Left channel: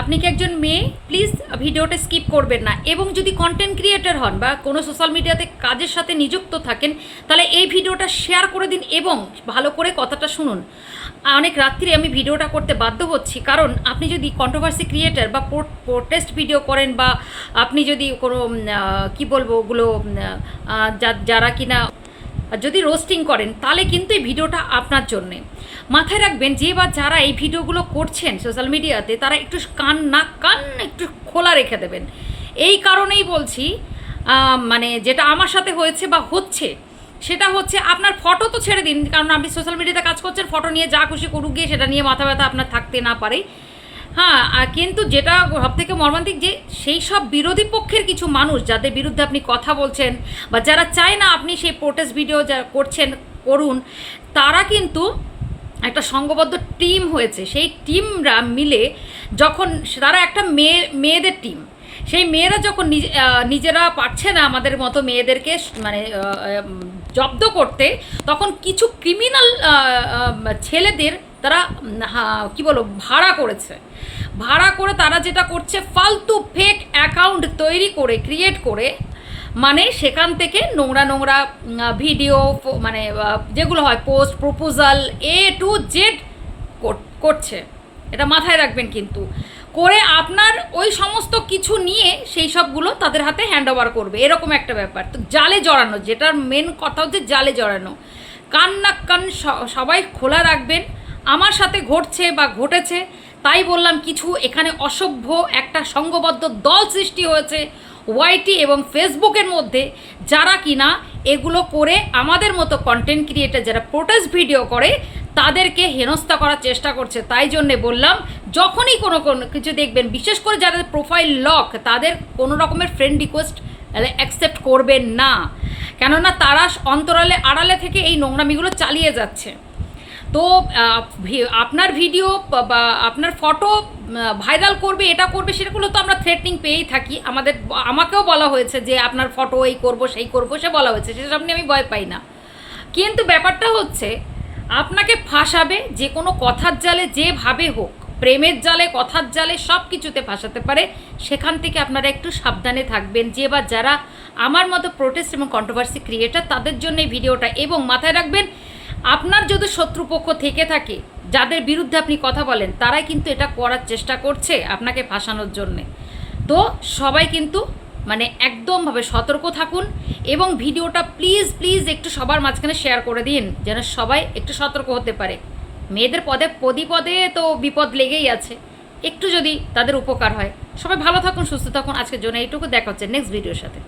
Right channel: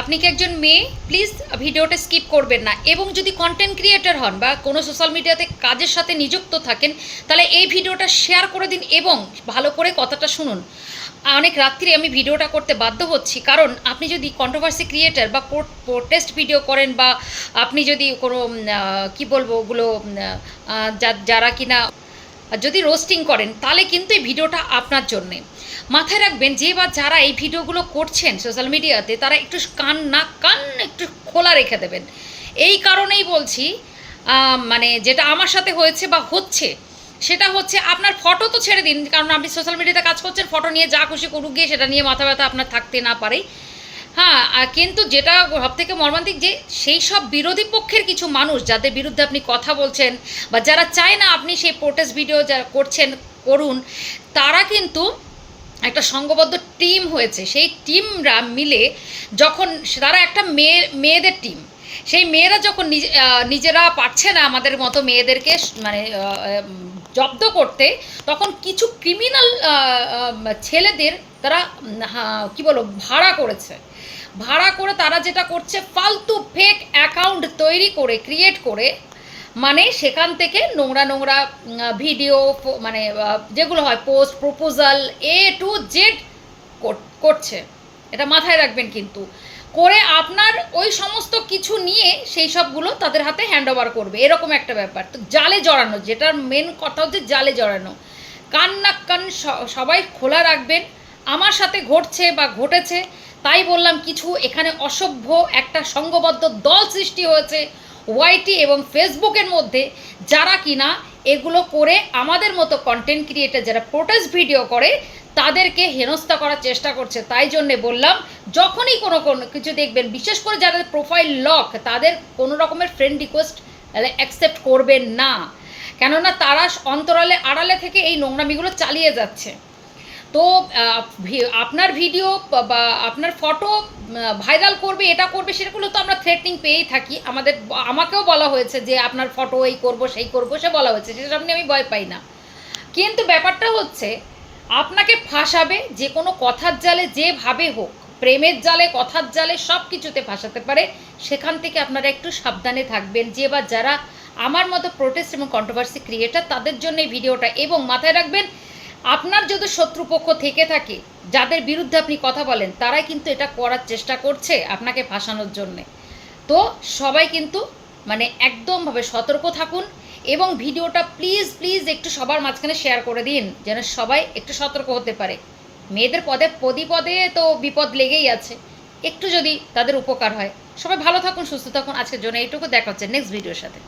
আপনি কি একজন মেয়ে? প্লিজ ভিডিওটা স্কিপ করবেন না। এবং যদি কন্টেন্ট ক্রিয়েটর হন বা কোনো সোশ্যাল মিডিয়াতে কাজের সাথে নিযুক্ত থাকেন, তাহলে এই ভিডিওটা শেয়ার করে দিন এবং ভালো করে কথাটা শুনুন। অনেক রাত্রি আমি ভিডিওটা করতে বাধ্য হচ্ছি, কারণ আপনি যদি কন্ট্রোভার্সি ক্রিয়েটার বা প্রোটেস্ট ভিডিও করেন বা আপনি যদি কোনো কি বলব ওগুলো যারা কিনা যদি রোস্টিং করেন, তাহলে কিন্তু এই ভিডিওটা আপনার জন্যে। মাথায় রাখবেন, যে বা যারা এই ভিডিওগুলো করছেন সোশ্যাল মিডিয়াতে তারা একটু কান না, কান একটু খোলা রেখে দেবেন। এই কারণেই বলছি মানে যেটা আমার সাথে হয়েছে বা হচ্ছে, সেটা হচ্ছে আপনার ফটো তো ছেড়ে দিন, কারণ আপনি সোশ্যাল মিডিয়াতে কাজ করছেন ফটো নিয়ে যা খুশি করুক, গিয়ে সেটা নিয়ে মাথা ব্যথা আপনার থাকতে না পারে। হ্যাঁ কিন্তু যেটা সব থেকে মর্মান্তিক যে সেই সব বিরোধী পক্ষের কিছু মানুষ, যাদের বিরুদ্ধে আপনি কথা বলছেন, বা যারা চায় না আপনি সেই প্রোটেস্ট ভিডিও যা করছেন, করুন, তারা কিন্তু একটা সংঘবদ্ধ টিম হয়েছে। সেই টিমরা মিলে যখন তারা একটা মেয়ে, মেয়েদের টিম সেই মেয়েরা যখন নিজ- নিজেরা পারছে না আমাদের মতো মেয়েদেরকে মানে জব্দ করতে, তখন কিছু ক্রিমিনাল ছেলেদের তারা কি বলো ভাড়া করেছে। ভাড়া করে তারা যেটা করছে, ফালতু ফেক অ্যাকাউন্ট তৈরি করে ক্রিয়েট করে মানে সেখান থেকে নোংরা নোংরা ভিডিও মানে যেগুলো হয় post proposal A to Z করছে। এটা মাথায় রাখবেন কিন্তু। করে আপনার ওই সমস্ত কিছু নিয়ে সেই সবগুলো তাদের হাতে হ্যান্ড ওভার করবে। এরকম একটা ব্যাপার। তো জালে জড়ানো, যেটার মেন কথা হচ্ছে জালে জড়ানো। কান না কান সবাই খোলা রাখবেন। আমার সাথে ঘটছে বা ঘটেছে, তাই বললাম কিছু এখানে অসভ্য একটা সংঘবদ্ধ দল সৃষ্টি হয়েছে। ওয়াইটি এবং ফেসবুকের মধ্যে যারা কিনা এগুলো করে আমাদের মতো কন্টেন্ট ক্রিয়েটার যারা প্রোটেস্ট ভিডিও করে, তাদেরকে হেনস্থা করার চেষ্টা করছে। তাই জন্যে বললাম, যখনই কোনো কোনো কিছু দেখবেন, বিশেষ করে যাদের প্রোফাইল লক তাদের কোনো রকমের ফ্রেন্ড রিকোয়েস্ট অ্যাকসেপ্ট করবেন না। কেননা তারা অন্তরালে, আড়ালে থেকে এই নোংরামিগুলো চালিয়ে যাচ্ছে। তো আপনার ভিডিও বা- আপনার ফটো ভাইরাল করবে, এটা করবে, সেগুলো তো আমরা থ্রেটনিং পেয়েই থাকি। আমাদের, আমাকেও বলা হয়েছে যে, আপনার ফটো এই করব, সেই করব, সে বলা হয়েছে সেটা সামনে আমি ভয় পাই না। কিন্তু ব্যাপারটা হচ্ছে, আপনাকে ফাঁসাবে, যে কোনো কথার জালে, যেভাবে হোক, প্রেমের জালে, কথার জালে, সব কিছুতে ফাঁসাতে পারে। সেখান থেকে আপনারা একটু সাবধানে থাকবেন, যে বা যারা আমার মতো প্রোটেস্ট এবং কন্ট্রোভার্সি ক্রিয়েটার তাদের জন্য এই ভিডিওটা, এবং মাথায় রাখবেন আপনার যদি শত্রুপক্ষ থেকে থাকে, যাদের বিরুদ্ধে আপনি কথা বলেন, তারাই কিন্তু এটা করার চেষ্টা করছে আপনাকে ফাঁসানোর জন্যে। তো সবাই কিন্তু মানে একদমভাবে সতর্ক থাকুন এবং ভিডিওটা প্লিজ প্লিজ একটু সবার মাঝখানে শেয়ার করে দিন, যেন সবাই একটু সতর্ক হতে পারে। মেয়েদের পদে, পদি পদে তো বিপদ লেগেই আছে। একটু যদি তাদের উপকার হয়। সবাই ভালো থাকুন, সুস্থ থাকুন। আজকের জন্য এইটুকু। দেখা হচ্ছে নেক্সট ভিডিওর সাথে।